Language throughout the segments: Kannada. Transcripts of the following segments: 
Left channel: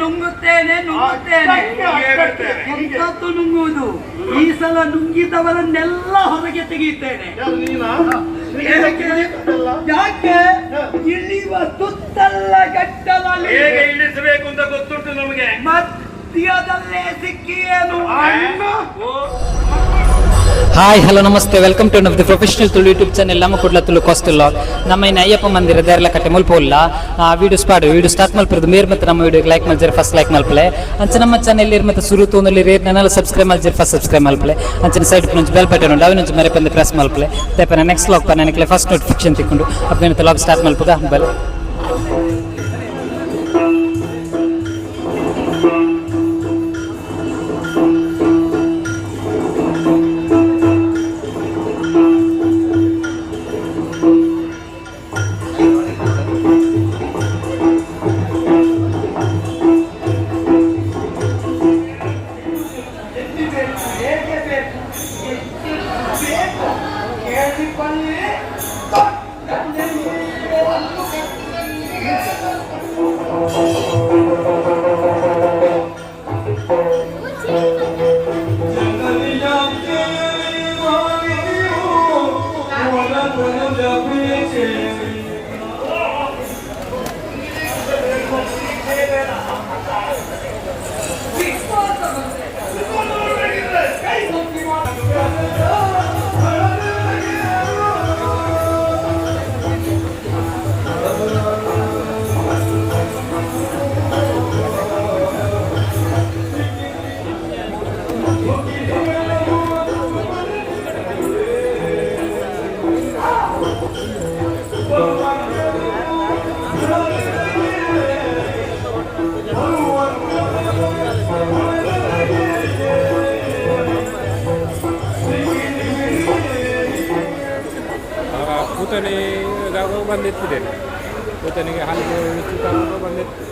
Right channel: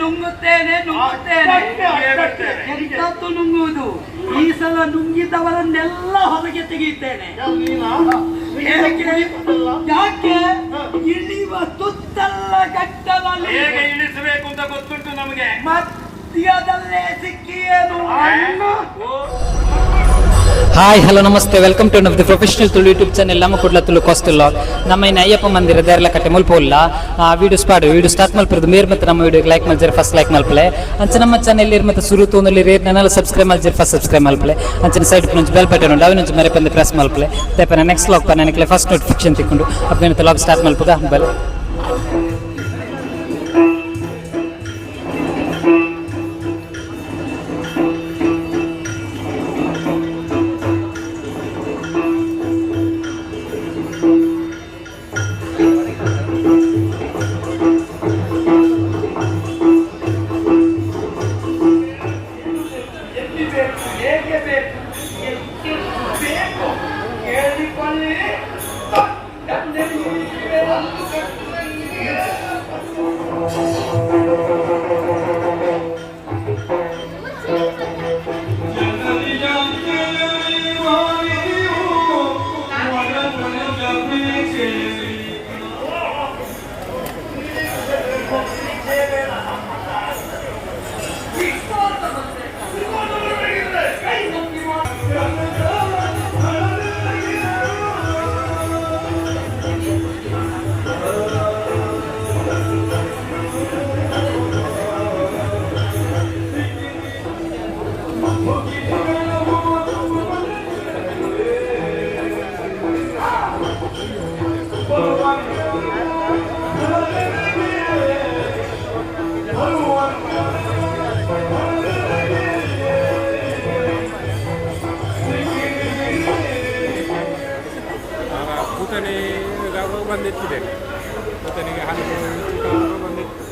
ನುಂಗುತ್ತೇನೆ ನುಂಗುತ್ತೇನೆ ನುಂಗುತ್ತೇನೆ. ಎಂತದ್ದು ನುಂಗುವುದು? ಈ ಸಲ ನುಂಗಿದವರನ್ನೆಲ್ಲ ಹೊರಗೆ ತೆಗೆಯುತ್ತೇನೆ. ಯಾಕೆ? ಇಳಿಯುವ ತುತ್ತಲ್ಲ ಗಟ್ಟಲಲ್ಲಿ ಹೇಗೆ ಇಳಿಸಬೇಕು ಅಂತ ಗೊತ್ತುಂಟು ನಮಗೆ. ಮಧ್ಯದಲ್ಲೇ ಸಿಕ್ಕಿಯೇನು? ಹಾಯ್ ಹಲೋ ನಮಸ್ತೆ, welcome to the professional Tulu YouTube channel. ನಮ್ಮ ಕುಡ್ಲ ತುಳು ಕಾಸ್ಟುಲ್ಲ ನಮ್ಮ ಇನ್ನು ಅಯ್ಯಪ್ಪ ಮಂದಿರ ದೇರಲ ಕಟ್ಟೆ ಮುಲ್ಪೋಲ್ಲ ವಿಡಿಯೋ ಸ್ಟಾರ್ಟ್ ಮಲ್ಪರದು ಮೇರ್ ಮತ್ತು ನಮ್ಮ ವಿಡಿಯೋಗೆ ಲೈಕ್ ಮಲ್ಜರ್ ಫಸ್ಟ್ ಲೈಕ್ ಮಲ್ಪಲೆ ಅಂಚೆ ನಮ್ಮ ಚಾನೆಲ್ ಇರ್ ಮತ್ತು ಸುರು ತೋನಲ್ಲಿ ರೇಟ್ ನನ್ನ ಸಬ್ಸ್ಕ್ರೈಬ್ ಮಲ್ಜರ್ ಫಸ್ಟ್ ಸಬ್ಸ್ಕ್ರೈಬ್ ಮಲ್ಪಲೆ ಅಂಚಿನ ಸೈಡ್ నుంచి ಬೆಲ್ ಬಟನ್ ಉಂಟು ಅವಿನ ಮರೆ ಪಂದು ಪ್ರೆಸ್ ಮಲ್ಪಲೆ ತೇಪನ ನೆಕ್ಸ್ಟ್ ಲಾಗ್ ಪನ ನನಗೆ ಫಸ್ಟ್ ನೋಟಿಫಿಕೇಶನ್ ತಿಕ್ಕೊಂಡು ಅಪ್ಪ ಲಾಗ್ ಸ್ಟಾರ್ಟ್ ಮಲ್ಪದ ಬಲ್. ಬಂದಿಟ್ಟಿದ್ದೇನೆ ಕೂತನಿಗೆ ಹಾಲು ಬಂದಿಟ್ಟು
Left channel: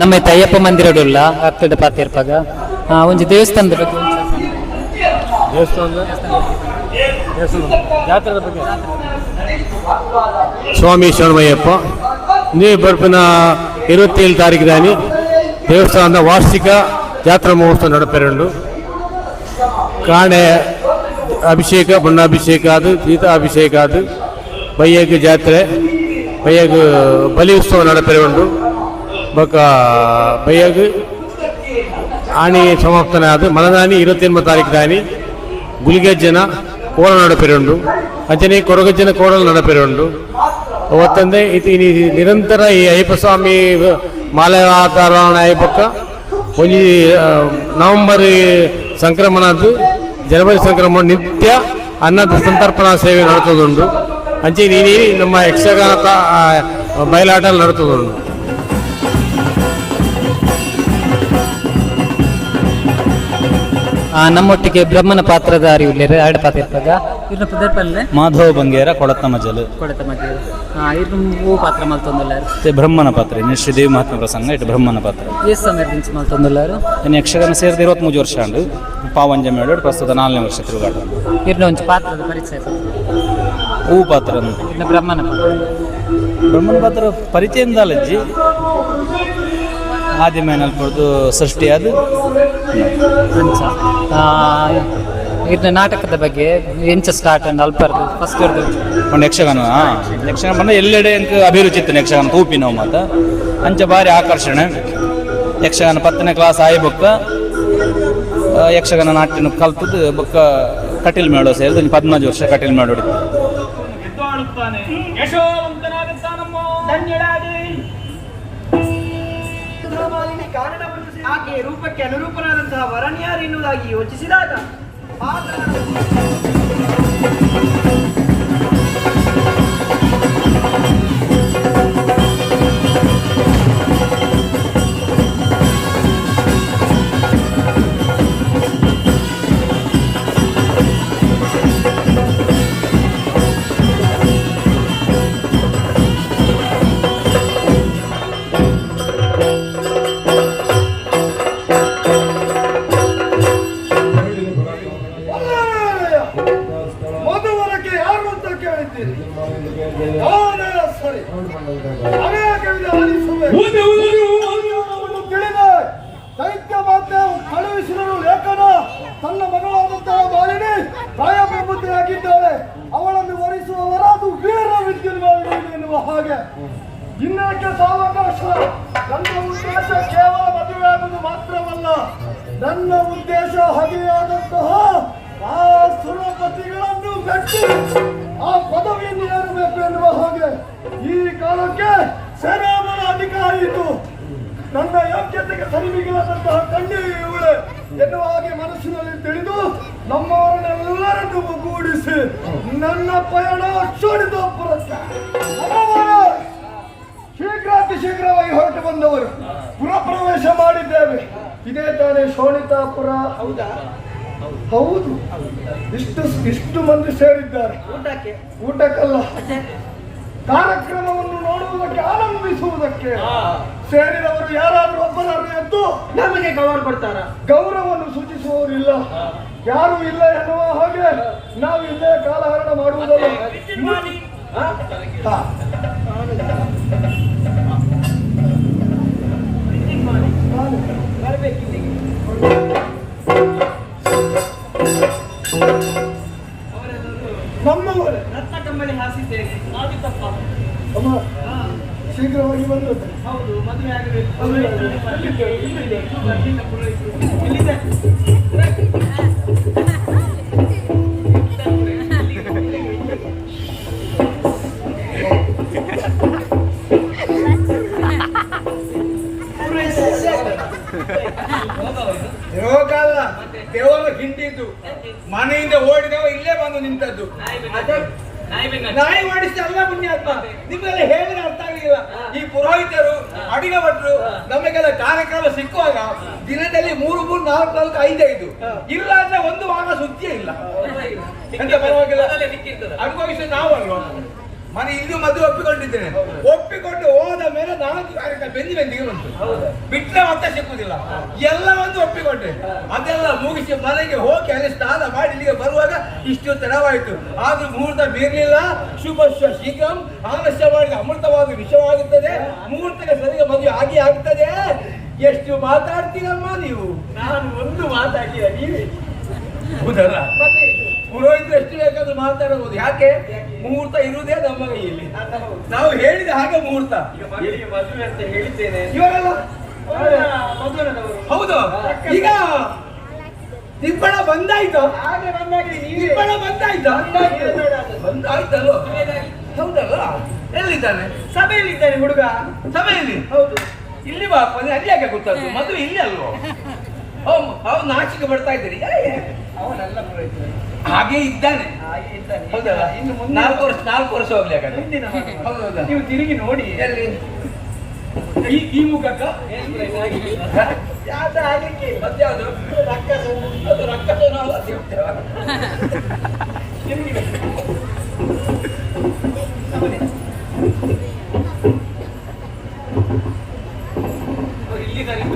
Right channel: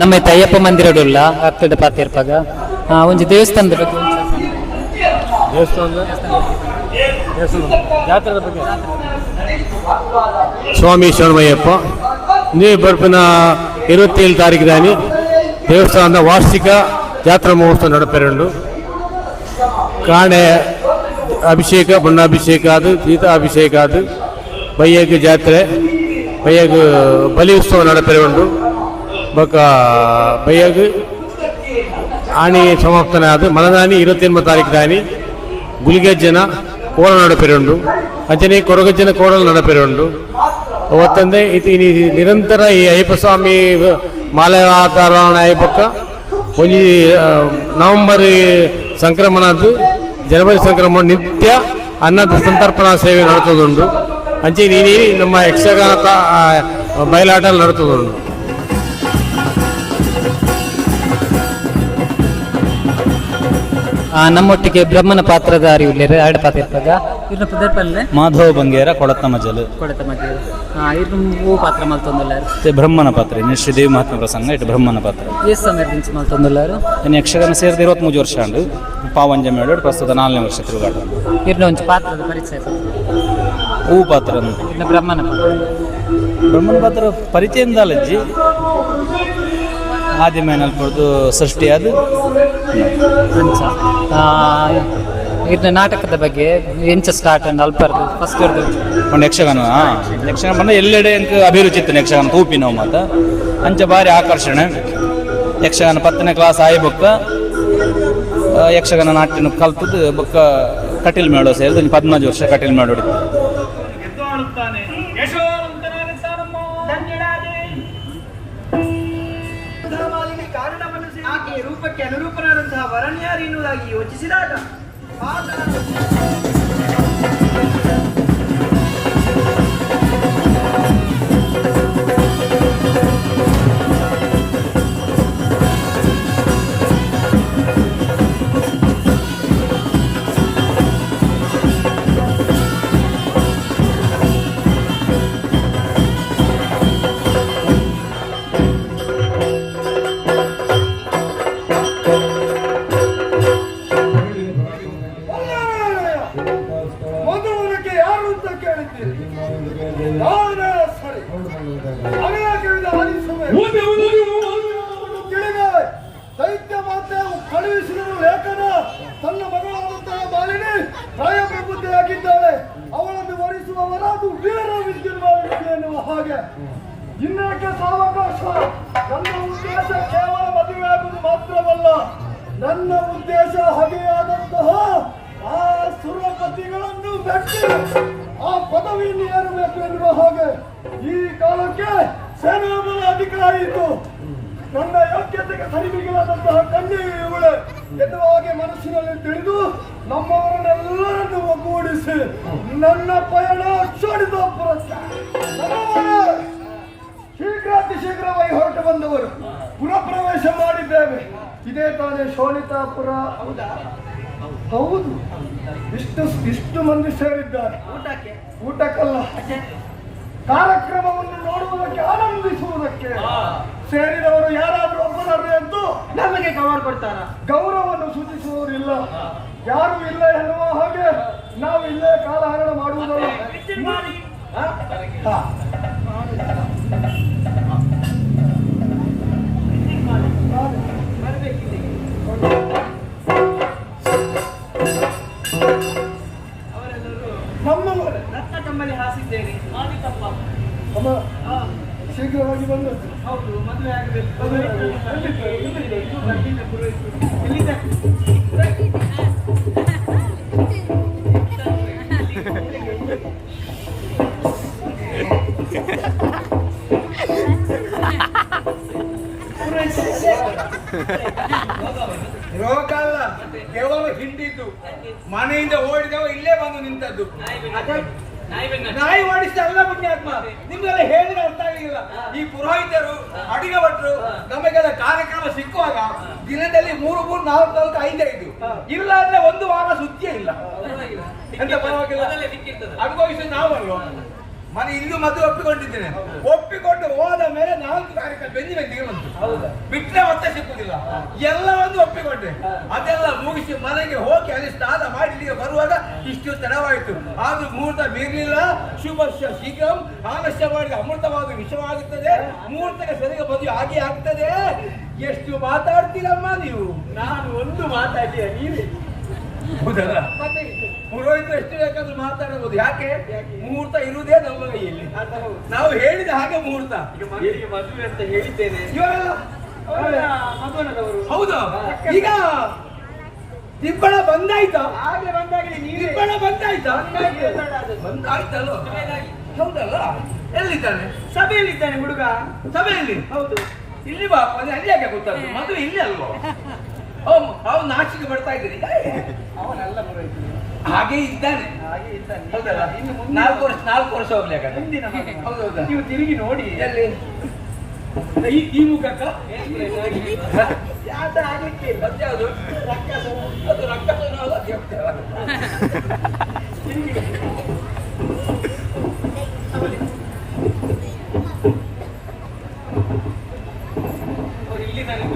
ನಮ್ಮ ಅಯ್ಯಪ್ಪ ಮಂದಿರಡುಲ್ಲ ಆಗ್ತದ ಪಾತಿರ್ಪಾಗ ಒಂಜಿ ದೇವಸ್ಥಾನದ ಬಗ್ಗೆ ಸ್ವಾಮಿ ಶರಣಮಯ್ಯಪ್ಪ ನೀ ಬರ್ಪಿನ 27 ತಾರೀಕು ದಾನಿ ದೇವಸ್ಥಾನದ ವಾರ್ಷಿಕ ಜಾತ್ರಾ ಮಹೋತ್ಸವ ನಡಪೆರಂಡು ಕಾಣೆ ಅಭಿಷೇಕ ಬಣ್ಣಾಭಿಷೇಕ ಅದು ಸೀತಾಭಿಷೇಕ ಅದು ಬಯ್ಯಗ ಜಾತ್ರೆ ಬಯ್ಯಗ ಬಲಿ ಉತ್ಸವ ನಡಪೆರೆ ಉಂಡು ಬೊಕ ಬಯ್ಯಗ ಆಣಿ ಸಮಾಪ್ತನೆ ಆದ ಮಲದಾನಿ 28 ತಾರೀಕು ದಾನಿ ಗುಲಿಗೆಜ್ಜನ ಕೋಲ ನಡಪೆರೆ ಉಂಡು ಅಂಚನೆ ಕೊರಗಜ್ಜನ ಕೋಡಲು ನಡಪೆರೆ ಉಂಡು ಅವತ್ತಂದೆ ಇದು ನಿರಂತರ ಈ ಅಯ್ಯಪ್ಪ ಸ್ವಾಮಿ ಮಾಲಾಧಾರಣ ಅಯ್ಯಪ್ಪಕ್ಕ ಒಂಜಿ ನವೆಂಬರ್ ಸಂಕ್ರಮಣದ್ದು ಜನವರಿ ಸಂಕ್ರಮಣ ನಿತ್ಯ ಅನ್ನದ ಸಂತರ್ಪಣಾ ಸೇವೆ ನಡೆತದುಂಡು ಅಂಚೆ ನೀನು ನಮ್ಮ ಯಕ್ಷಗಾನ ಬಯಲಾಟ ನಡೆತದುಂಡು. ನಮ್ಮೊಟ್ಟಿಗೆ ಬ್ರಹ್ಮನ ಪಾತ್ರಧಾರಿ ಉಳ್ಳೇರು ಎರಡು ಪಾತ್ರ ಇರ್ಪಾಗ ಇನ್ನು ಪದರ್ಪಲ್ಲೆ ಮಾಧವ ಬಂಗೇರ ಕೊಳತ ಮಜಲು ಕೊಡತ ಮಧ್ಯೆ ಇನ್ನು ಪಾತ್ರ ಮಲ್ತೊಂದುಲ್ಲಾರು ಬ್ರಹ್ಮನ ಪಾತ್ರ ಇನ್ನು ಶ್ರೀದೇವಿ ಮಹಾತ್ಮ ಪ್ರಸಂಗ ಇಟ್ಟು ಬ್ರಹ್ಮನ ಪಾತ್ರ ಎಷ್ಟು ಸಮಯದಿಂದ ಮಲ್ತೊಂದುಲ್ಲಾರು ಇನ್ನು ಯಕ್ಷಗಾನ ಸೇರಿದ 23 ವರ್ಷ ಅಂಡು ಪಾವಂಜ ಮೇಳು ಪ್ರಸ್ತುತ 4ನೇ ವರ್ಷ ತಿರುಗಾಟ ಇನ್ನು ಒಂದು ಪಾತ್ರದ ಪರಿಚಯ ಹೂ ಪಾತ್ರ ಇನ್ನು ಬ್ರಹ್ಮನ ಪಾತ್ರ ಪಾತ್ರ ಪರಿಚಯದಿಂದ ಅಲ್ಲಜ್ಜಿ ಆದ್ಯ ನಲ್ಪಡ್ದು ಸೃಷ್ಟಿ ಅದು ಅಂಚ ಇನ್ನು ನಾಟಕದ ಬಗ್ಗೆ ಎಂಚ ಸ್ಟಾರ್ಟ್ ಅಂಡ್ ಅಲ್ಪರ್ದು ಫಸ್ಟ್ ಇರ್ದು ಒಂದು ಯಕ್ಷಗಾನ ಬಂದ ಎಲ್ಲೆಡೆ ಎಂಕ್ ಅಭಿರುಚಿ ಇತ್ತು ಯಕ್ಷಗಾನ ತೂಪಿ ನಾವು ಮಾತ ಅಂಚ ಭಾರಿ ಆಕರ್ಷಣೆ ಯಕ್ಷಗಾನ 10ನೇ ಕ್ಲಾಸ್ ಆಯಿ ಬೊಕ್ಕ ಯಕ್ಷಗಾನ ನಾಟ್ಯನ ಕಲ್ತದ್ದು ಬೊಕ್ಕ ಕಟೀಲ್ ಮೇಳೋ ಸೇರಿದು 15 ವರ್ಷ ಕಟೀಲ್ ಮೇಳ ಹೊಡಿತು. ಆಕೆಯ ರೂಪಕ್ಕೆ ಅನುರೂಪನಾದಂತಹ ವರಣ್ಯಾರು ಎನ್ನುವುದಾಗಿ ಯೋಚಿಸಿದಾಗ ದೈತ್ಯ ಮಾತೆ ಕಳುಹಿಸಿದರು ಲೇಖನ ತನ್ನ ಮಗಳಾದಂತಹ ಮಾಲಿನಿ ಪ್ರಾಯಪ್ರಬುದ್ಧಿಯಾಗಿದ್ದಾಳೆ, ಅವಳನ್ನು ವರಿಸುವವರಾದು ವೀರ ವಿದ್ಯುನ್ಮಾಲಿನಿ ಎನ್ನುವ ಹಾಗೆ. ಇನ್ನೇಕೆ ಸಾವಕಾಶ? ನನ್ನ ಉದ್ದೇಶ ಕೇವಲ ಮದುವೆಯಾಗುವುದು ಮಾತ್ರವಲ್ಲ, ನನ್ನ ಉದ್ದೇಶ ಹಗೆಯಾದಂತಹ ಆ ಸುರಪತಿಗಳನ್ನು ಮೆಟ್ಟಿ ಆ ಪದವಿಯನ್ನು ಏರಬೇಕು ಎನ್ನುವ ಹಾಗೆ. ಈ ಕಾಲಕ್ಕೆ ಸೇನಾಬಲ ಅಧಿಕಾರಿಯಿತು, ನನ್ನ ಯೋಗ್ಯತೆಗೆ ಸರಿಮಿಗಿಲಾದಂತಹ ಕನ್ಯೆ ಇವಳೆ ಎನ್ನುವ ಹಾಗೆ ಮನಸ್ಸಿನಲ್ಲಿ ತಿಳಿದು ನಮ್ಮವರನ್ನೆಲ್ಲರನ್ನು ಒಗ್ಗೂಡಿಸಿ ನನ್ನ ಪಯಣ ಕ್ಷೋಣಿತೋಪುರಕ್ಕೆ ಶೀಘ್ರಾತಿ ಶೀಘ್ರವಾಗಿ ಹೊರಟು ಬಂದವರು ಪುರಪ್ರವೇಶ ಮಾಡಿದ್ದೇವೆ. ಇದೇ ತಾನೇ ಶೋಣಿತಾಪುರ? ಹೌದಾ? ಹೌದು. ಇಷ್ಟು ಮಂದಿ ಸೇರಿದ್ದಾರೆ. ಊಟಕ್ಕಲ್ಲ, ಕಾರ್ಯಕ್ರಮವನ್ನು ನೋಡುವುದಕ್ಕೆ, ಆನಂದಿಸುವುದಕ್ಕೆ ಸೇರಿದವರು ಯಾರಾದ್ರೂ ಒಬ್ಬರಾದ್ರೂ ಎದ್ದು ನಮಗೆ ಗೌರವ ಕೊಡ್ತಾರ? ಗೌರವವನ್ನು ಸೂಚಿಸುವವರಿಲ್ಲ, ಯಾರು ಇಲ್ಲ ಎನ್ನುವ ಹಾಗೆ ನಾವು ಇಲ್ಲೇ ಕಾಲಹರಣ ಮಾಡುವುದಲ್ಲ. ನಮ್ಮವರೇ ರತ್ನ ಕಮ್ಮಲಿ ಹಾಸಿದ್ದೇನೆ. ಅಮ್ಮ ಶೀಘ್ರವಾಗಿ ಬಂದದ್ದು. ಹೌದು, ಮದುವೆ ಆಗಬೇಕು. ರೋಗ ಅಲ್ಲ, ದೇವರು ಹಿಂದಿದ್ದು. ಮನೆಯಿಂದ ಓಡಿದವ ಇಲ್ಲೇ ಬಂದು ನಿಂತದ್ದು. ನಾಯಿ ಮಾಡಿಸಿದ ಅಲ್ಲ ಪುಣ್ಯಾತ್ಮ, ನಿಮಗೆಲ್ಲ ಹೇಳಿದ್ರೆ ಅರ್ಥ ಆಗಲಿಲ್ಲ. ಈ ಪುರೋಹಿತರು, ಅಡಿಗೆ ಭಟ್ರು ನಮಗೆಲ್ಲ ಕಾರ್ಯಕ್ರಮ ಸಿಕ್ಕುವಾಗ ದಿನದಲ್ಲಿ 3, 4, 5 ಇಲ್ಲ ಅಂದ್ರೆ 1 ವಾರ ಸುದ್ದಿಯೇ ಇಲ್ಲ. ಎಂತ ಪರವಾಗಿಲ್ಲ, ಅನುಭವಿಸೋದು ನಾವಲ್ವ. ಮನೆ ಇಲ್ಲೂ ಮದುವೆ ಒಪ್ಪಿಕೊಂಡಿದ್ದೇನೆ. ಒಪ್ಪಿಕೊಂಡು ಹೋದ ಮೇಲೆ 4 ಕಾರ್ಯಕ್ರಮ ಬೆಂದಿಗೆ ಬಂತು. ಬಿಟ್ಟರೆ ಮತ್ತೆ ಸಿಕ್ಕುದಿಲ್ಲ. ಎಲ್ಲ ಒಂದು ಒಪ್ಪಿಕೊಂಡೆ. ಅದೆಲ್ಲ ಮುಗಿಸಿ ಮನೆಗೆ ಹೋಗಿ ಅಲ್ಲಿ ಸ್ನಾನ ಮಾಡಿ ಇಲ್ಲಿಗೆ ಬರುವಾಗ ಇಷ್ಟು ತಡವಾಯಿತು. ಆದ್ರೂ ಮುಹೂರ್ತ ಬೀರ್ಲಿಲ್ಲ. ಶುಭಶ್ಯ ಶೀಘ್ರಂ, ಆಲಸ್ಯ ಮಾಡಿದ ಅಮೃತವಾದ ವಿಷವಾಗುತ್ತದೆ. ಮುಹೂರ್ತಕ್ಕೆ ಸರಿಗೆ ಮದುವೆ ಆಗಿ ಆಗ್ತದೆ. ಎಷ್ಟು ಮಾತಾಡ್ತೀರಮ್ಮ ನೀವು? ನಾನು ಒಂದು ಮಾತಾಡಿಲ್ಲ, ನೀವೇ ಹೌದಲ್ಲ ಪುರೋಹಿತರು ಎಷ್ಟು ಬೇಕಾದ್ರೂ ಮಾತಾಡಬಹುದು. ಯಾಕೆ? ಮುಹೂರ್ತ ಇರುವುದೇ ನಮ್ಮ ಕೈಯಲ್ಲಿ. ನಾವು ಹೇಳಿದ ಹಾಗೆ ಮುಹೂರ್ತ. ಮದುವೆ ಅಂತ ಹೇಳಿದ್ದೇನೆ. ಇವರೆಲ್ಲ ಮದುವೆನವರು ಹೌದು. ಈಗ ದಿಬ್ಬಣ ಬಂದಾಯ್ತು. ಹಾಗೆ ಬಂದಾಗಿದೆ ನೀವೇ. ದಿಬ್ಬಣ ಬಂದಾಯ್ತಾ? ಬಂದಾಯ್ತಲ್ವ? ಹೌದಲ್ಲ. ಎಲ್ಲಿದ್ದಾನೆ? ಸಭೆಯಲ್ಲಿದ್ದಾನೆ ಹುಡುಗ. ಸಭೆಯಲ್ಲಿ? ಹೌದು. ಇಲ್ಲಿ ಬಾ. ಅಲ್ಲಿ ಯಾಕೆ ಗೊತ್ತಾಗ್ತದೆ? ಮದುವೆ ಇಲ್ಲಿ ಅಲ್ವಾ? ಅವ್ನು ನಾಚಿಕೆ ಬರ್ತಾ ಇದ್ದೀರಿ. ಅವನೆಲ್ಲ ಪುರೋಹಿತರು. ಹಾಗೆ ಇದ್ದಾನೆ. ಹಾಗೆ ಇದ್ದಾನೆ. ಹೌದಲ್ಲ? ಇನ್ನು ನಾಲ್ಕು ವರ್ಷ ಹೋಗ್ಲಿ ಹಾಗಾದ್ರೆ. ಹಿಂದಿನ ಹೌದಾ? ನೀವು ತಿರುಗಿ ನೋಡಿ. ಎಲ್ಲಿ? ಈ ಮುಖಕ್ಕ ಯಾವ್ದು ಆಗಲಿಕ್ಕೆ ಮತ್ಯಾವುದು? ರಕ್ಕಸ ಅದು ರಕ್ಕಸನೋ ಅಲ್ಲ, ದೇವತೆಯೋ? ತಿರುಗಿ ಇಲ್ಲಿದ್ದಾರೆ.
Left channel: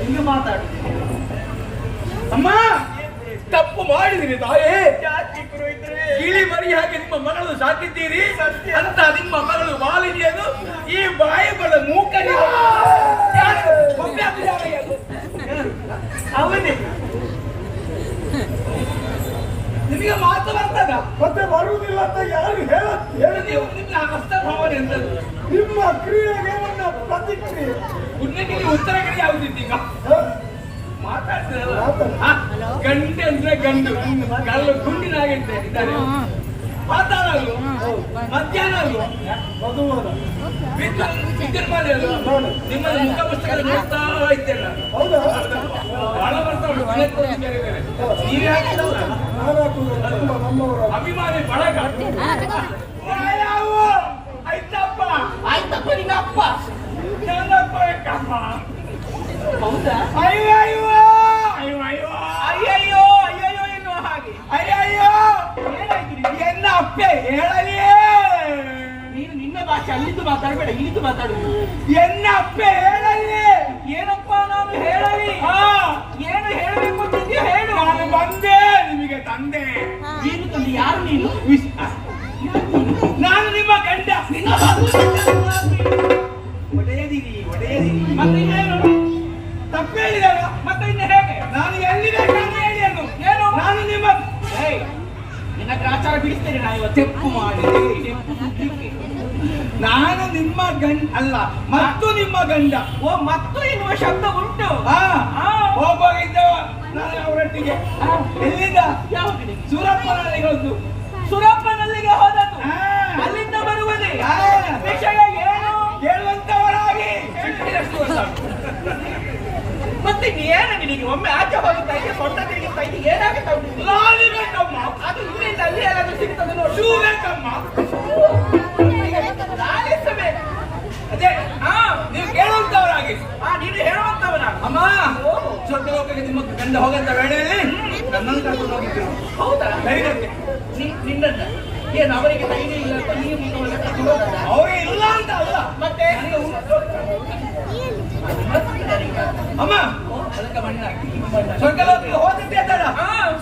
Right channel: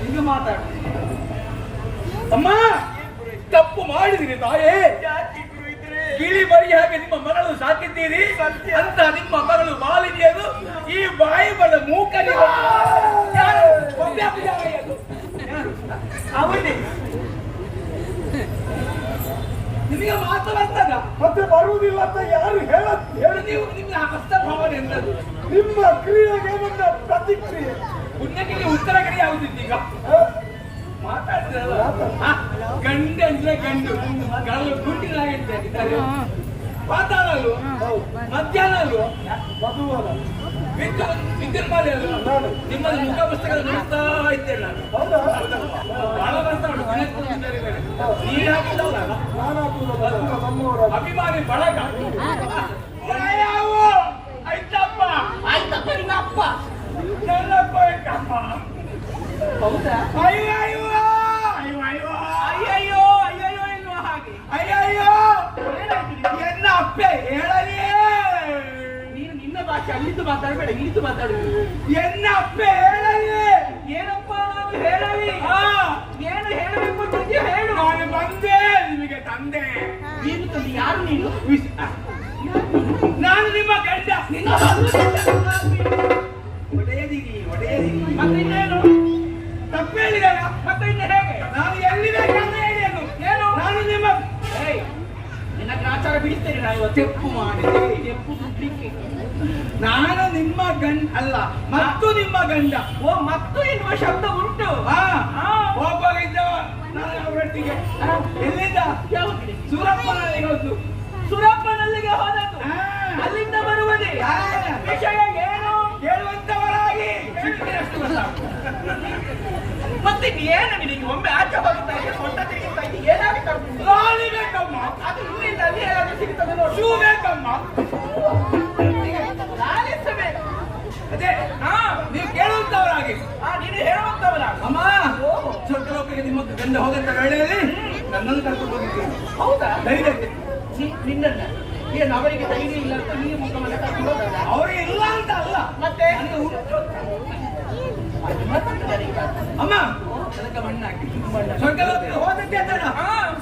ಹಿಂಗೆ ಮಾತಾಡು. ಅಮ್ಮ, ತಪ್ಪು ಮಾಡಿದಿರಿ ತಾಯೇ. ಜಾತಿ ಪುರೋಹಿತರೇ. ಗಿಳಿ ಮರಿ ಹಾಗೆ ನಿಮ್ಮ ಮಗಳು ಸಾಕಿದ್ದೀರಿ. ಅಂತ ನಿಮ್ಮ ಮಗಳು ಮಾಲಿನ್ಯದು ಈ ಬಾಯಿ ಬಡ ಮೂಕನಿ ಅವನೇ ನಿಮಗೆ ಮಾತು ಬರ್ತದ? ಮತ್ತೆ ಬರುವುದಿಲ್ಲ ಅಂತ ಯಾರು ಹೇಳು ನೀವು. ನಿಮ್ಮ ಹಸ್ತ ಭಾವನೆ ಎಂತದ್ದು? ನಿಮ್ಮ ಕ್ರಿಯೆಗೆ ನನ್ನ ಪ್ರತಿಕ್ರಿಯೆ. ಪುಣ್ಯಕ್ಕೆ ನೀವು ಉತ್ತರ ಕಡೆ ಯಾವುದಿತ್ತು ಈಗ? ಮಾತಾಡ್ತಿರಲ್ಲ. ಗಂಡು ಅಂದ್ರೆ ಗಂಡು, ಗಲ್ಲು ಗುಂಡಿನಾಗಿದ್ದಾರೆ. ಮಾತಾಡಲ್ವ? ಮಧ್ಯಾಹ್ನ ಅಲ್ವ? ಮಧುವರ ವಿದ್ಯುನ್ಮಾನ ಅಲ್ವ? ನಿಮ್ಮ ಮುಖ ಪುಸ್ತಕದ ನೋಡ್ತಾ ಇದ್ದೇನೆ ನಾನು. ಹೌದಾ? ಬಹಳ ಬರ್ತಾ ಉಂಟು. ನೀವೇ ಹಾಕಿದಲ್ಲ, ನಾನು ಹಾಕುವುದಲ್ಲ, ನಮ್ಮವರ ಅಭಿಮಾನಿ ಬಳಗ. ಆಯ್ತಪ್ಪ ಆಯ್ತಪ್ಪ. ನಿನ್ನಪ್ಪ ನನ್ನಪ್ಪ ಯಾಕಪ್ಪ? ಹೌದಾ? ಅಯ್ಯಯ್ಯೋ ಅಯ್ಯಯ್ಯೋ ಅಯ್ಯಯ್ಯೋ ಅಯ್ಯಯ್ಯೋ ಎನ್ನುವ ಹಾಗೆ. ಅಯ್ಯಯ್ಯೋ ಏನಾಯ್ತು? ಎನ್ನ ಅಪ್ಪೆ ಹೇಳಲಿಯೇ. ನೀನು ನಿನ್ನ ಭಾಷೆ ಅಲ್ಲಿದ್ದು ಮಾತಾಡಬೇಡ, ಇಲ್ಲಿದ್ದು ಮಾತಾಡು. ಎನ್ನ ಅಪ್ಪೆ ಹೇಳಲಿಯೇ. ಏನಪ್ಪ ನಾವು ಹೇಳಲಿ? ಏನು ಹೇಳಬೇಕು ಅಂತಿದ್ಯೋ ಹೇಳು. ನಾನು ಬಂದೆ ನಿಮಗೆ ತಂದೆ. ಏನು ತಂದೆ? ಯಾರು ನೀನು? ನಾನು ನಿಮ್ಮ ಗಂಡ. ನಿನ್ನ ಒಡೆಯದಿರಿ ಒಡೆಯದಿರಿ. ಮತ್ತೆ ಇನ್ನೇನು? ತಪ್ಪು ಹೇಳಿದಾಗ ಮತ್ತೆ ಇನ್ನು ಹೇಗೆ? ನಾನು ಎಲ್ಲಿ ಬೇಕಾದ್ರೆ ಹೇಳಿ ಅನ್ನು. ಏನು? ನಾನು ನಿಮ್ಮ ಏಯ್, ನಿನ್ನ ಗ್ರಾಚಾರ ಬಿಡಿಸ್ತೇನೆ ನಾನು ಇವತ್ತು. ತೆಪ್ಪು ಮಾಡಿ ತೆಪ್ಪು ಸುಡ್ಲಿಕ್ಕೆ. ನಾನು ನಿಮ್ಮ ಗಂಡ ಅಲ್ಲ, ಮತ್ತು ನಿಮ್ಮ ಗಂಡ. ಓ, ಮತ್ತು ಎನ್ನುವ ಶಬ್ದ ಉಂಟು. ಹೋಗಿದ್ದವ ನಾನು ಅವರೊಟ್ಟಿಗೆ. ಎಲ್ಲಿಂದ? ಯಾವ ಕಡೆ? ಸೂರಪ್ಪನಲ್ಲಿ ಹೋದ್ದು. ಸುರಪ್ಪನಲ್ಲಿಗೆ ಹೋದದ್ದು. ಹಾ. ಅಲ್ಲಿಂದ ಬರುವುದೇ. ಹಾ. ವಿಷಯ ಏನು? ಹೇಳುವಂತವರಾಗಿ ಎಷ್ಟು ವರ್ಷ? ಮತ್ತೆ ಏನು ನಿನಗೆ? ಒಮ್ಮೆ ಆಚೆ ಹೋಗುತ್ತಾ ಇದೆ, ಸೊಂಟ ತಿರುಗುತ್ತಾ ಇದೆ, ಏನಾಗುತ್ತಾ ಉಂಟು? ಲಾಲಿ ಬೇಕಮ್ಮ. ಅದು ಇಲ್ಲಿಂದ ಅಲ್ಲಿ ಯಾರಾದ್ರೂ ಸಿಗ್ತದೆ ನೋಡು. ಶೂ ಬೇಕಮ್ಮ. ಲಾಲಿಸಬೇಕು. ಅದೇ ನೀವು ಕೇಳುವಂತವರಾಗಿ. ನೀನು ಹೇಳುವಂತವನ. ಅಮ್ಮ, ಸ್ವಲ್ಪ ಲೋಕಕ್ಕೆ ನಿಮ್ಮ ಗಂಡ ಹೋಗಂತ ಗಾಡಿಯಲ್ಲಿ ನನ್ನನ್ನು ಕರ್ಕೊಂಡು ಹೋಗಿದ್ರು. ಹೌದಾ? ಧೈರ್ಯಕ್ಕೆ. ನಿನ್ನನ್ನ ಏನು ಅವರಿಗೆ ಧೈರ್ಯ ಇಲ್ಲ ಅಂತ ನೀವು ಮುಖವನ್ನು ಕರ್ಕೊಂಡು ಹೋದಲ್ಲ? ಅವ್ರಿಗೆ ಇಲ್ಲ ಅಂತ ಅಲ್ಲ, ಮತ್ತೆ ನನಗೆ ಅಮ್ಮ ಅದಕ್ಕೆ ಮಣ್ಣಾಗಿ ಸ್ವಲ್ಪ ಲೋಕಕ್ಕೆ ಹೋದದ್ದೇ ತಡ.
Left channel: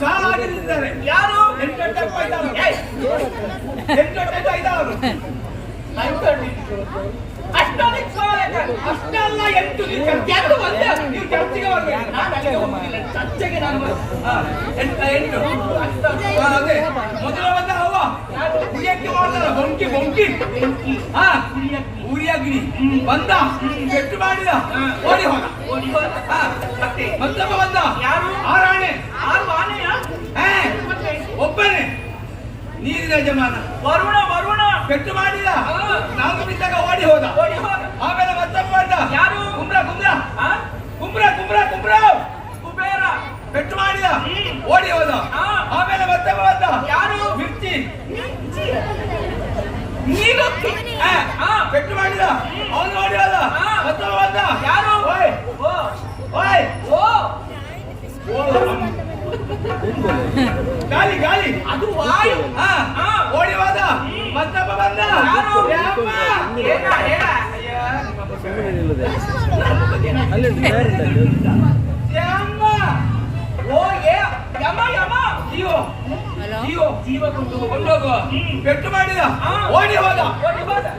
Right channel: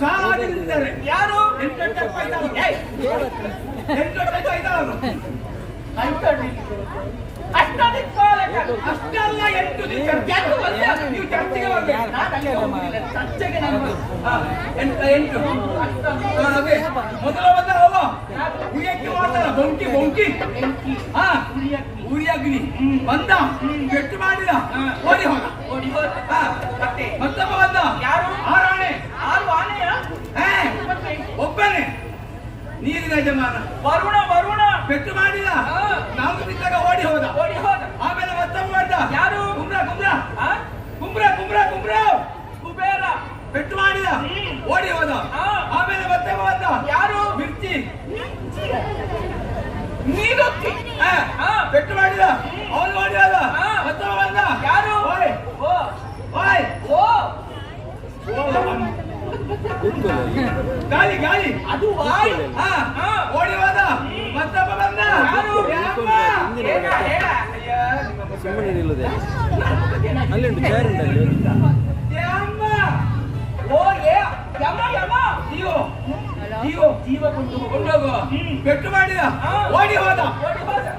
ಸಾಲ ಹಾಕಿದ್ದಾರೆ. ಯಾರು? 8 ಆಯ್ತಾವರು. 8 ಆಯ್ತಾವರು. ಅಷ್ಟೊಂದು ಸಾಲಕ. ಅಷ್ಟೆಲ್ಲ 8 ನೀವು ಚರ್ಚೆಗೆ ಬರ್ಬೇಕು. ನಾನು ಅಲ್ಲಿ ಹೋಗುದಿಲ್ಲ, ಚರ್ಚೆಗೆ ನಾನು ಎಂಟು. ಅದೇ ಮೊದಲ ಬಂದ ಅವ ಉರಿಯಕ್ಕೆ ಮಾಡ್ತಾರ. ಬೊಂಕಿ ಉರಿಯಗ್ನಿ ಬಂದ, ಕೆಟ್ಟು ಮಾಡಿದ, ಓಡಿ ಹೋದ. ಮತ್ತೊಬ್ಬ ಬಂದ. ಯಾರು? ಆರಾಣೆ. 6 ಆನೆಯ? ಒಬ್ಬನೇ ನೀರಿನ ಯಜಮಾನ. ವರುಣ ಕೆಟ್ಟು ಮಾಡಿದ, ನಾಲ್ಕು ಬಿದ್ದಾಗ ಓಡಿ ಹೋದ. ಆಮೇಲೆ ಮತ್ತೊಬ್ಬ ಬಂದ. ಯಾರು? ಕುಂಬ್ರ ಕುಬೇರ. ಕೆಟ್ಟು ಮಾಡಿದ, ಓಡಿ ಹೋದ. ಆಮೇಲೆ ಮತ್ತೊಬ್ಬ ಬಂದ. ಯಾರು? ಮಿರ್ಚಿ. ನೀನು ಕೆಟ್ಟು ಮಾಡಿದ, ಅವನು ಓಡಿ ಹೋದ. ಮತ್ತೊಬ್ಬ ಬಂದ. ಯಾರು? ಓಯ್ ಗಾಳಿ ಅದು ವಾಯು. ಓಡಿ ಹೋದ. ಮತ್ತೊಬ್ಬ ಬಂದ. ಯಾರು? ಯಮ್ಮ. ಹೇಳ. ಯಮ್ಮ. ಓ ಯಮ ಜೀವ ಕೊಂಡೋಗುವ. ಪೆಟ್ಟು ಮಾಡಿದ, ಓಡಿ ಹೋದ.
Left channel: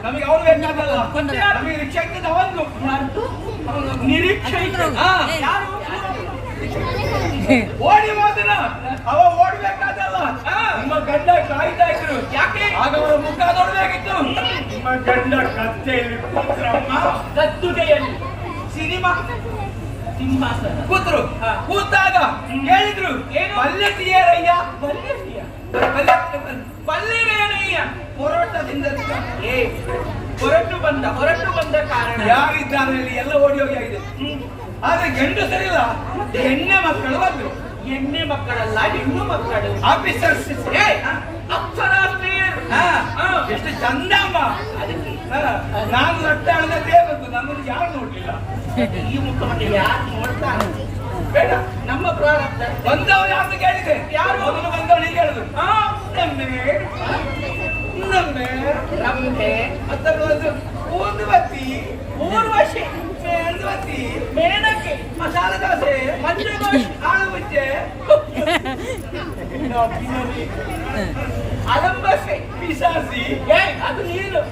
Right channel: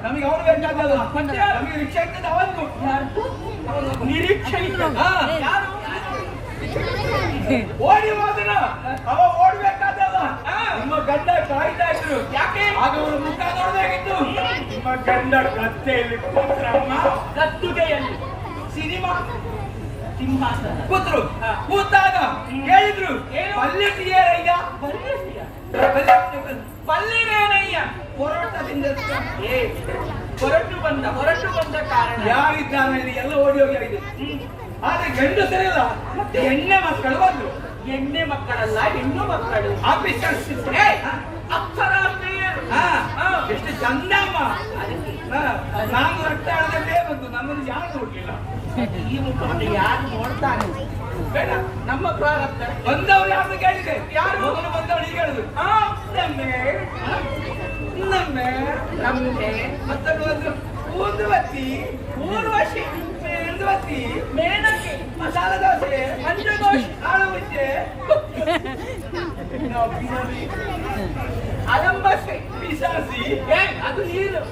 ನಮಗೆ ಅವ್ರು ಬೇಕಾಗಲ್ಲ. ನಮಗೆ ರಿಕ್ಷಾ ಇಟ್ಟಿದ್ದ ಅವನು. ನಿರೀಕ್ಷೆ. ಯಾರು? ಓಡಿ ಹೋದನ ಅವ ಓಡ್ಬೇಕಾದಲ್ಲ ನಿಮ್ಮ ಗಂಡ ಕಾಯ್ತಾ ಇದ್ರು ಯಾಕೆ ಆಗ ಅವರ ಮುಖ ನೋಡ್ಬೇಕಿತ್ತು ನಿಮ್ಮ ಗಂಡ ಕತ್ತೆಯಲ್ಲಿ ಕೂತ್ರಮ್ಮ ಕತ್ತುಗೆಯಲ್ಲಿ ಸಿನಿಮಾ ಕೂತ್ರು ಕೂತಾಗ ಹೇಳಿದ್ರು ಬಲ್ಲೆಟಿಯರಯ್ಯ ಬಲ್ಲಿರೇನಯ್ಯ ಹೋರಾಟದಿಂದ ಹೊರಟು ಬಂದ ಕಾರಣ ಯಾರಿದ್ದಾರೆ ಅಲ್ಲಿ ಎಲ್ಲ ಓಡಿ ಹೋಗಿ ಆಗಿದೆ ಆದ್ರೆ ಗಂಡು ಸರಿಯಲ್ಲ ಎಣ್ಣೆ ಮಕ್ಕಳು ಬಂದ್ರು ಎಣ್ಣೆ ಮಕ್ಕಳಲ್ಲ ಹೆಣ್ಣು ಮಕ್ಕಳು ಆಫೀಸರ್ಸ್ ಎಷ್ಟು ಚಂದ ಅಮ್ಮ ನಾನು ರಟ್ಟ ಹೇಳಿದ್ರೆ ಬಂತು ನನ್ನನ್ನು ಯಾರು ನೋಡ್ಲಿಲ್ಲ ಈ ಮುಖವನ್ನು ಯಾರು ನೋಡ್ತಾನೆ ಬೇಡ ನಮ್ಮ ಪ್ರಾರಂಭ ಬಂದವಳು ಯಾರು ಕೇಳಿದೆ ಯಾರು ಮೊದಲು ಬಂದವಳು ಹೀಗೆ ಹೇಳಿದ್ರು ನಮ್ಮೆ ಮತ್ತೆ ಊದುವತ್ತಿ ಊರ್ವಶಿ ಮೇಣವತ್ತಿ ಮೇಣಕ್ಕೆ ಮಸಾಲ ದೋಸೆ ಮಂಜದೋಸೆ ಆಲೂ ಮುಚ್ಚೆ ಅಲಂಬಸೆ ಪಿಸಾಸಿ ಅದು ನೀರು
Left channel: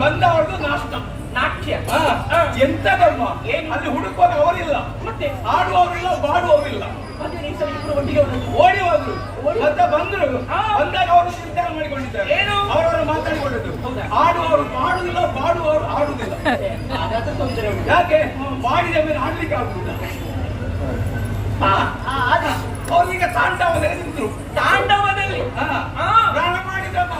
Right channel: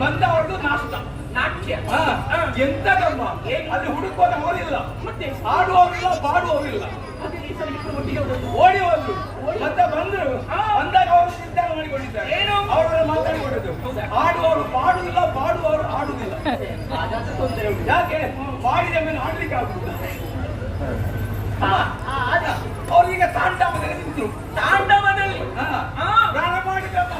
ಬಂದವಳದು ನಾಟ್ಯ ಎಂತ ಧರ್ಮ ಅಲ್ಲಿ ಹುಡುಕುವಾಗ ಅವರಿಲ್ಲ ಮತ್ತೆ ಆಡುವವರಿಲ್ಲ ಬಾಡುವವರಿಲ್ಲ ಓಡಿ ಹೋದ್ರು ಮತ್ತೆ ಬಂದ್ರು ಬಂದಾಗ ಅವರು ನಿರ್ಧಾರ ಮಾಡಿಕೊಂಡಿದ್ದಾರೆ ಏನು ಅವರವರು ಮಾತಾಡಿಕೊಳ್ಳೋದು ಆಡುವವರು ಬಾಡುವುದಿಲ್ಲ ಬಾಡುವವರು ಆಡುವುದಿಲ್ಲ ಯಾಕೆ ಮಾಡಿದ ಮೇಲೆ ಆಡ್ಲಿಕ್ಕೆ ಆಗುದಿಲ್ಲ ಅವ್ರೀಗ ತಾಂಡವದಲ್ಲಿ ನಿಂತರು ತಾಂಡವದಲ್ಲಿ ಪ್ರಾಣ ಮಾಡಿದ್ರಮ್ಮ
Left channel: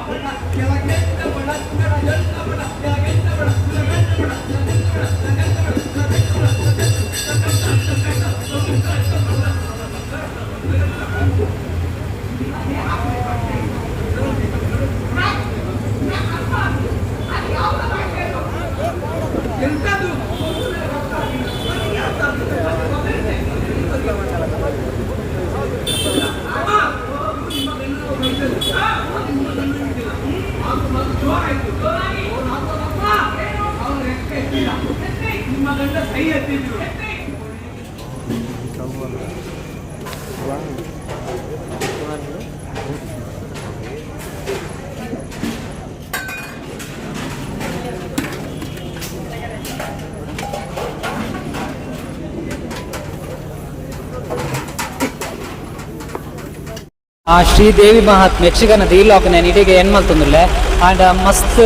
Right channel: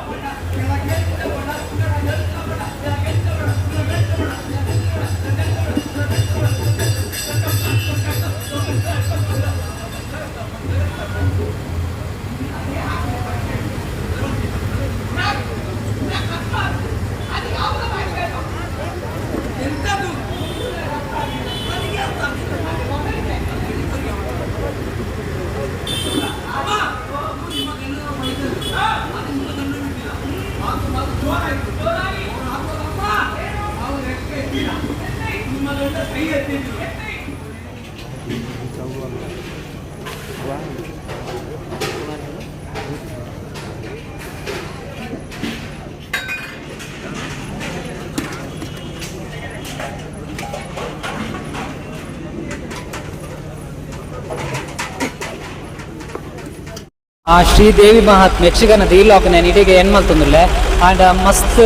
ಶ್ರೀದೇವಿ ಮಹಾತ್ಮೆ ಯಕ್ಷಗಾನದ ಈ ಲಾಕ್ ನಾನು ಇಡೀಗೆ ಏನು ಮಾಡ್ತಂದ್ರೆ ಆಂಡ್ ಮಸ್ತ್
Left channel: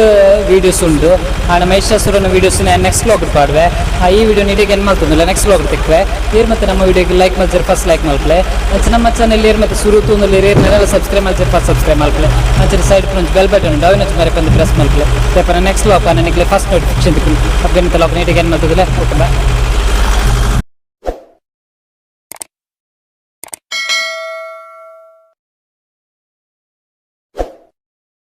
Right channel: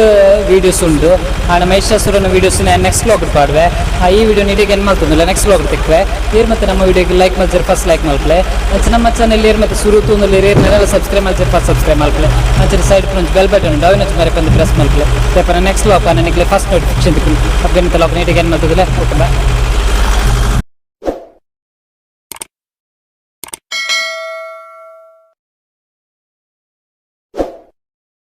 ವೀಡಿಯೋಸ್ ಉಂಟು ಆಂಡ್ ಮಹಿಷಾಸುರನ ವೀಡಿಯೋಸ್ ನೆಕ್ಸ್ಟ್ ಲಾಗ್ ಪಾಡುವೆ ಈ ವಿಡಿಯೋ ಇಡೀಗೆ ಏನು ಮಾಡ್ತಂದ್ರೆ ನೆಕ್ಸ್ಟ್ ಲಾಗ್ ತೆಕ್ವೆ ಏರ್ ಮತ್ತೆ ನಮ್ಮ ವಿಡಿಯೋಗೆ ಲೈಕ್ ಮಾಡ್ತಾರೆ ಫಸ್ಟ್ ಲೈಕ್ ಮಾಡ್ಲೆ ನಮ್ಮ ಚಾನಲ್ ಏರ್ ಮತ್ತೆ ಶುರು ತುಂದಲ್ಲಿ ಏರ್ನೆಲ್ಲ ಸಬ್ಸ್ಕ್ರೈಬ್ ಮಾಡ್ತಾರೆ ಫಸ್ಟ್ ಸಬ್ಸ್ಕ್ರೈಬ್ ಮಾಡ್ಲೆ ಅಂಚೆ side front bell button down ಹಚ್ಚಿ ಮರೆ ಬಂದು ಪ್ರೆಸ್ ಮಾಡ್ಲೆ ಪೇಪರ್ ನೆಕ್ಸ್ಟ್ ಲಾಕ್ ನನಗೆ ಫಸ್ಟ್ ನೋಟಿಫಿಕೇಶನ್ ಅಪ್ಡೇಟ್ ಲಾಕ್ ನೀಟಿಗೆ ಏನು ಮಾಡ್ತದಿಲ್ಲ ಓಕೆ ಬಾಯ್.